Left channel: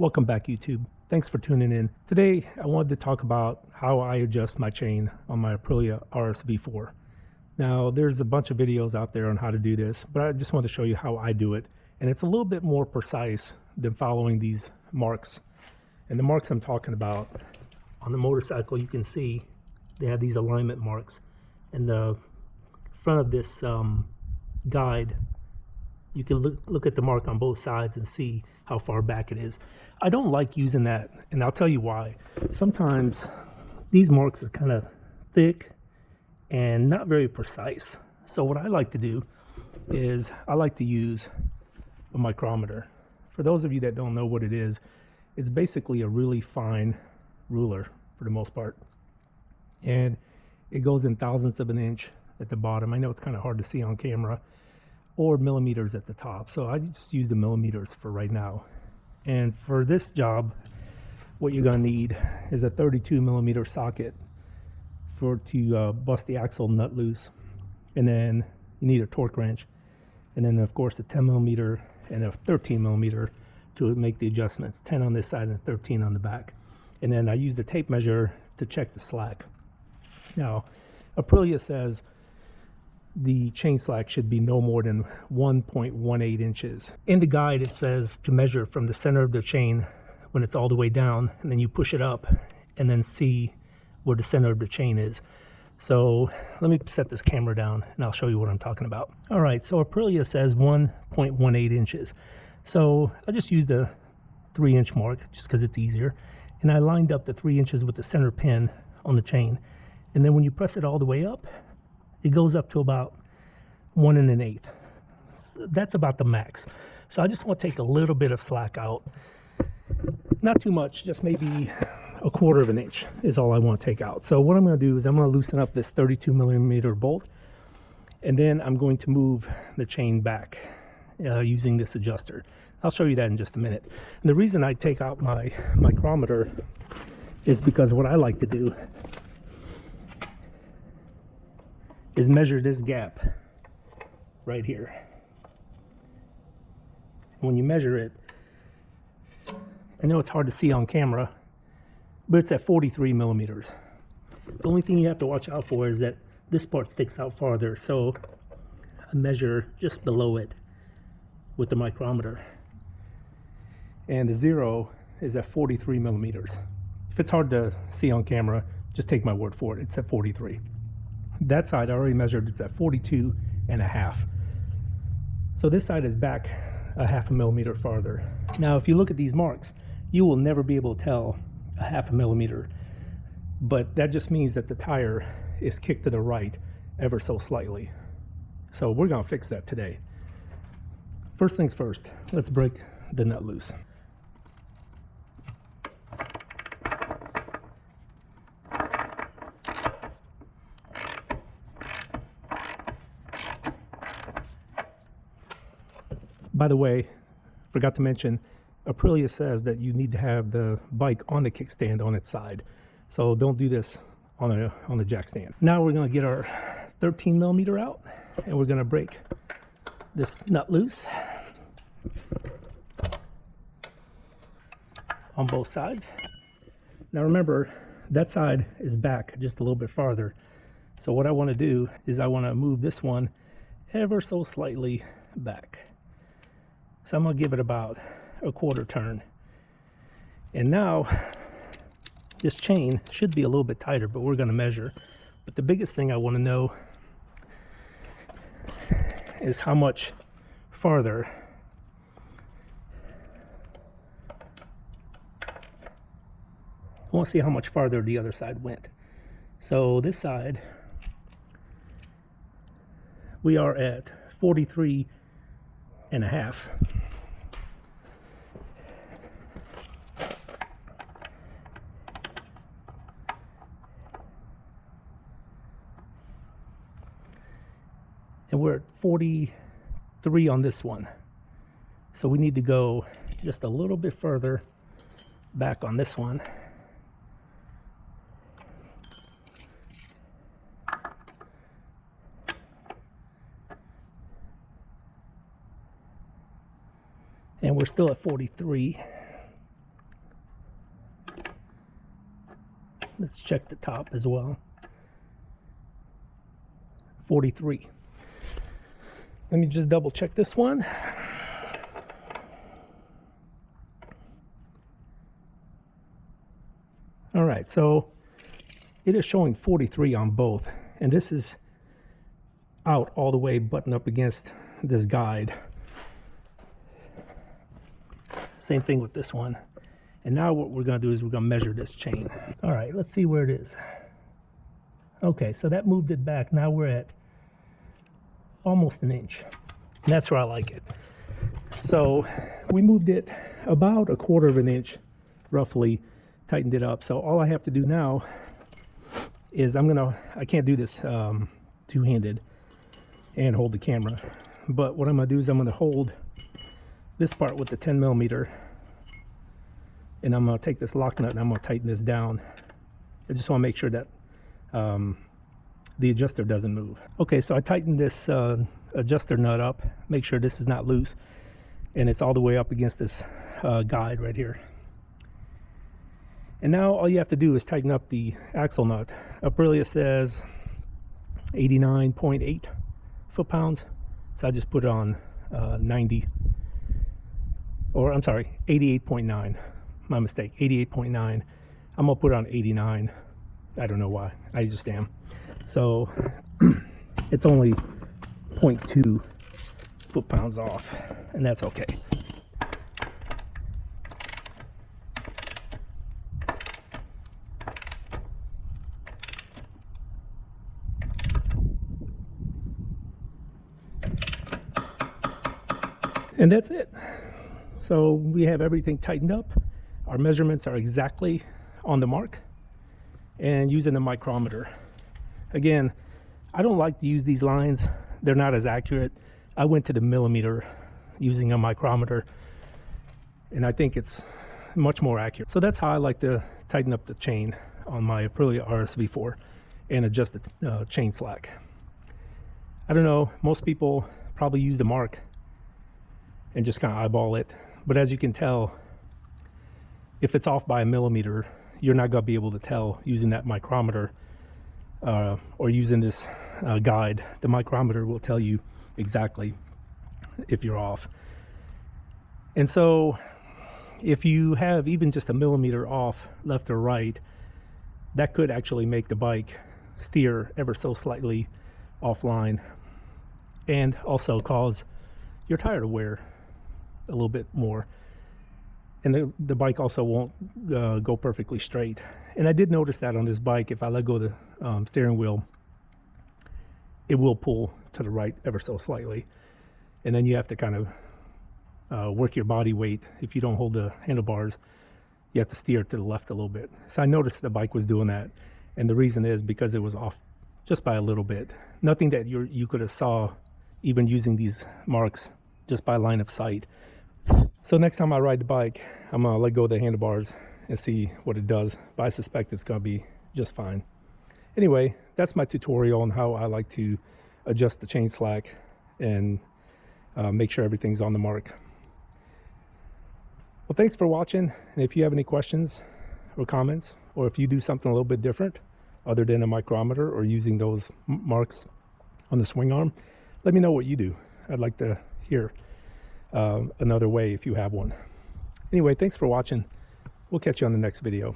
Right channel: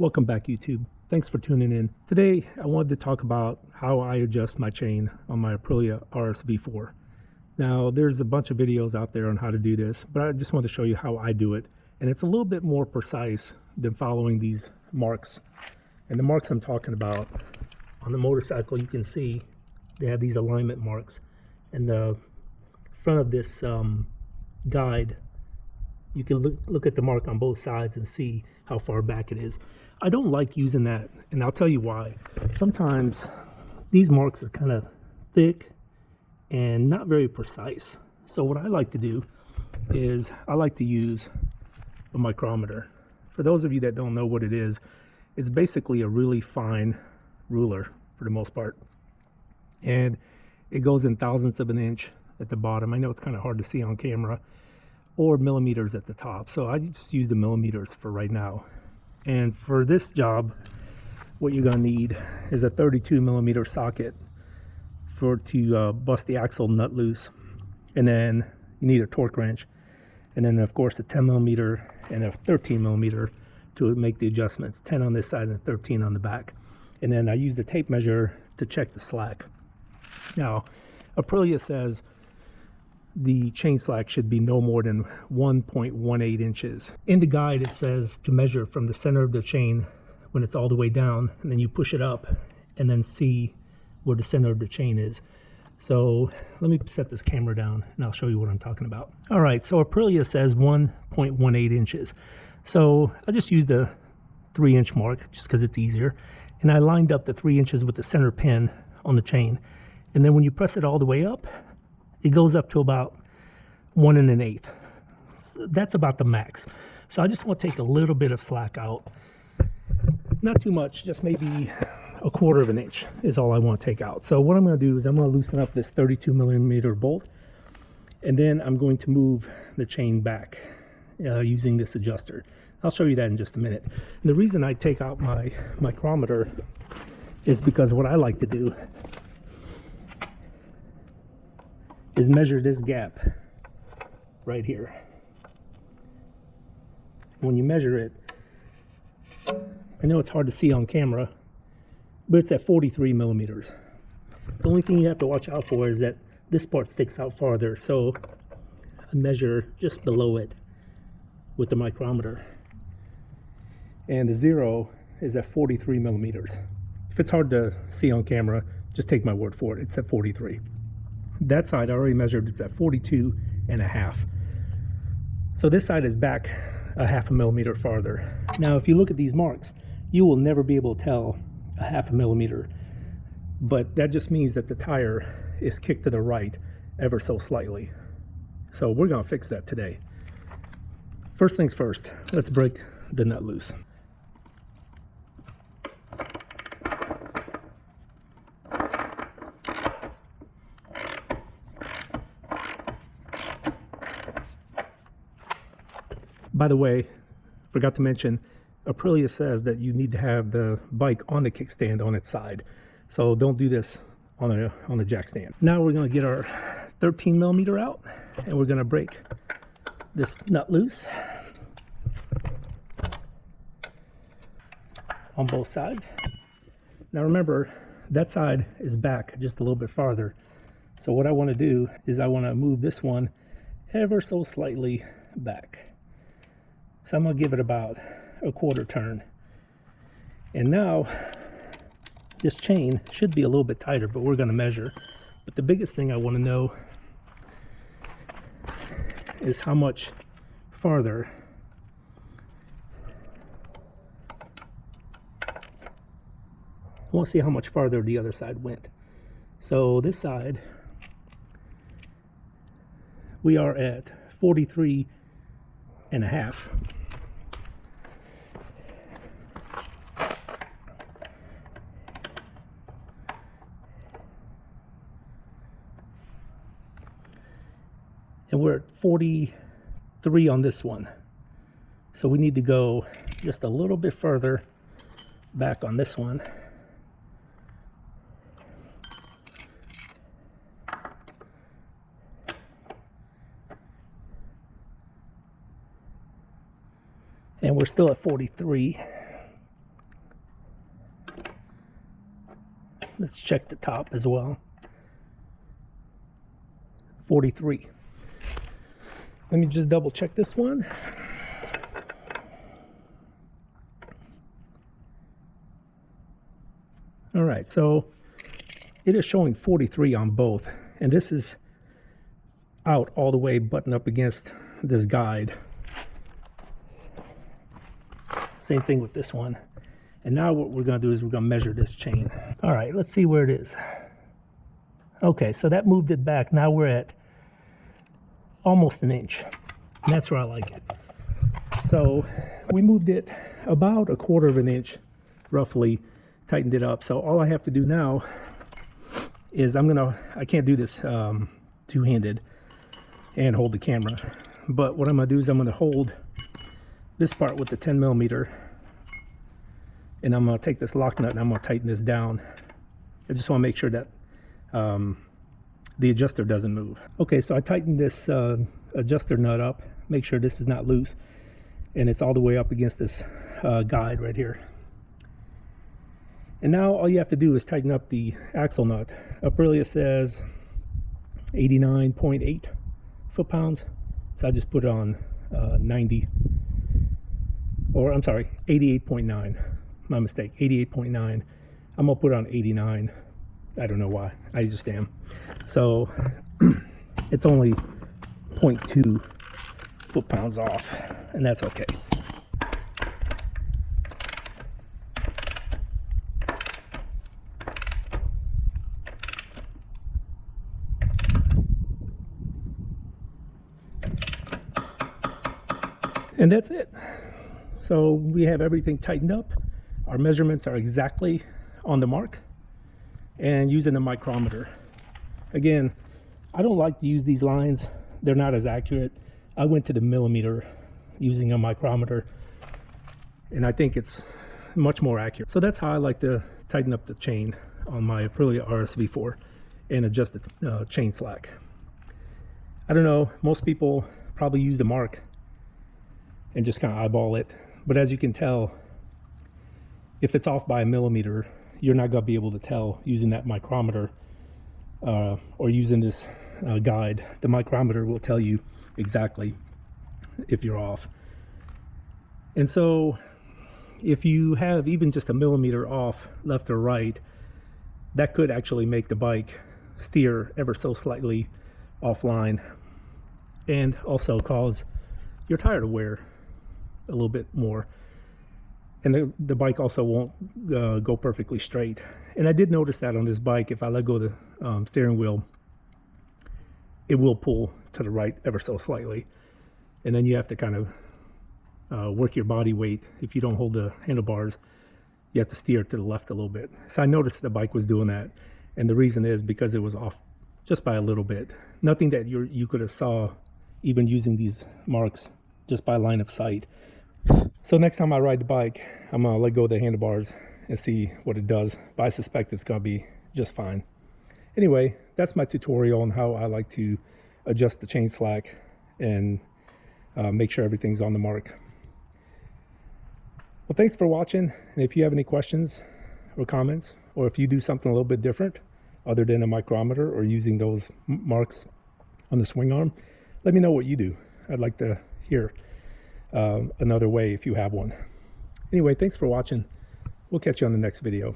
Welcome back, YouTube. Thanks for tuning in. Today, I wanted to talk about how I adjust my chain on my Aprilia RSV4. Now, there's a bunch of videos out there on how to do this, but I just want to show you how I do it. And it's a little bit more precise than following these marks. And the marks I'm talking about on the motorcycle, you can see they have these alignment marks. In the front of this guide, you can look at the mark on both sides and see how far back it is. I don't like using that, and I'll tell you why. Sometimes these marks are kind of thick and not very precise. So what I like to do is I like to use a micrometer. For those of you that don't know what it is, it's basically a really fine ruler for the most part. And it goes in thousandths of an inch at the bottom. I know it's kind of hard to see on camera, or millimeters at the top. So I just use the millimeters for right now. And for this job, what you're gonna need is a 32 millimeter socket to bust the axle nut loose. And then you need a torque wrench. And then of course a 10 millimeter and a 13 millimeter to make the adjustments, 10 on this side and 13 on the back. And then I use the tape measure to check the slack. Now, Aprilia says the chain slack should be no more than 1.18 inches. In the guide, it says to measure from the center of the chain when it's all the way down, and then you push it up and then see where the center of the chain is. So let me set this camera down and I'll show you what I'm talking about. All right, so Aprilia says 1.18 inches. So I just used a 3-inch mark just because it's easier. And I lined up the 3 inches with the center pin on the chain. And then when you press it all the way up, it goes up to about 1 1/8. So that's about the max. So I just want to take a little bit of slack out. Not too much, just maybe 1/4 of an inch is all I want to take out. So what I'm going to do is I'm going to loosen up this 32 millimeter bolt, and then I'm going to move the chain back using this adjuster. I'll show you that in just a minute. And the reason I take out my micrometer is because what I like to do is measure this gap right here. When you measure it, I know it's hard to see on camera, but it's at 43 millimeters. The only thing you have to watch out for is that this part sticks out farther, so I measure just below it with the micrometer. And the zero is at 43 millimeters. If it's hard to see on camera, just take my word for it, it's at 43. That side I already measured, it's at 42.5. So this side is back a 1/2 millimeter farther. Now if you look at these marks, you will never be able to tell a 1/2 millimeter, but that just means that the tire is kicked to the right ever so slightly. So we're gonna fix that today. First things first, let's break the nut loose. By the way, forgot to mention, Aprilia says that you need to have the bike on the kickstand on its side. So don't do this on the jack stand. Now we're going to get our 13 millimeter out and we're going to break this nut loose on both sides. Now remember, that side is back just a little bit farther. So what I want to do is I want to move this one ever so slightly back. So I'm going to give it about a 1/4 turn. And now this chain should be a little bit tighter, but we're going to measure. But the biggest thing I want to know is how much farther I want to see how much farther the other side went. So this side, we are at 43.5. And we're at 43 on this one. So we need to go just a little bit further back on this one. and we're still at 43. Let's check the top as well. 43. Let me just double check this one. All right, so it is showing 43 on both, and this is out all the way buttoned up against this guide. Same thing with this one. And now what we're going to do is we're going to measure this chain. All right, let's see where it is. Okay, so that moved it back. Now we're at almost an inch. And that's where I like it. So we moved it about a quarter of an inch, roughly, tightened it up. So all I have to do now is I can't do this two-handed and hold the camera. But what I'm going to do is I'm going to hold this part with the 10 millimeter, and I'm going to take this lock nut and I'm going to tighten this down. I just want to make sure that the adjuster doesn't move. Okay, so I tightened this adjuster nut up, make sure this is not loose, and it's all the way up against this guide right here. And now all you have to do is tighten up the axle nut. Aprilia says 89.8 foot-pounds, so I just put it on 90, or I'm sorry, 88.9. My mistake, 88.9. I'm gonna put it on 89. I don't know why, I just am. So it's only 0.2 foot-pounds off, and that's okay. And that's it. So we have everything tightened up. Our measurements are exactly on the mark, and using the micrometer. Again, I don't like to use these lines. They're not as accurate. I went to the millimeter using a micrometer, and I think it's much more accurate. So that's how I like to tighten up the chain on my Aprilia RSV4 and adjust the chain slack. I don't know, most people probably use the mark and just kind of eyeball it, but as you can tell, if it's off by a millimeter, you're not going to be able to tell using that micrometer or using this guide. The micrometer will tell you exactly if you're off. And so if you have even just a millimeter off left or right, that could actually make the bike steer ever so slightly offline, and also cause your tire to wear a little bit more, and the bike also won't go perfectly straight. And I did notice that on this bike, if I let go of the steering wheel, it will pull to the right ever so slightly, and then you have to kind of work your body weight. If you don't hold the handlebars, you have to steer to the left a little bit. So I noticed the bike was doing that, and the reason is because it was off just by a little bit. Nothing that you could have saw even using these marks just by line of sight. So next time I ride the bike, I'm gonna let go of the handlebars and see what it does, but I suspect it's gonna be just fine. Anyway, that's my tutorial on how I like to adjust the chain slack and make sure everything's on the mark. Well, thanks for watching, and if you have any questions or comments, or if you do something a little bit different other than a micrometer or using those marks on the swing arm, let me know what you do. I'd like to hear another way if you have one. Anyway, thanks for watching. We'll catch you on the next video.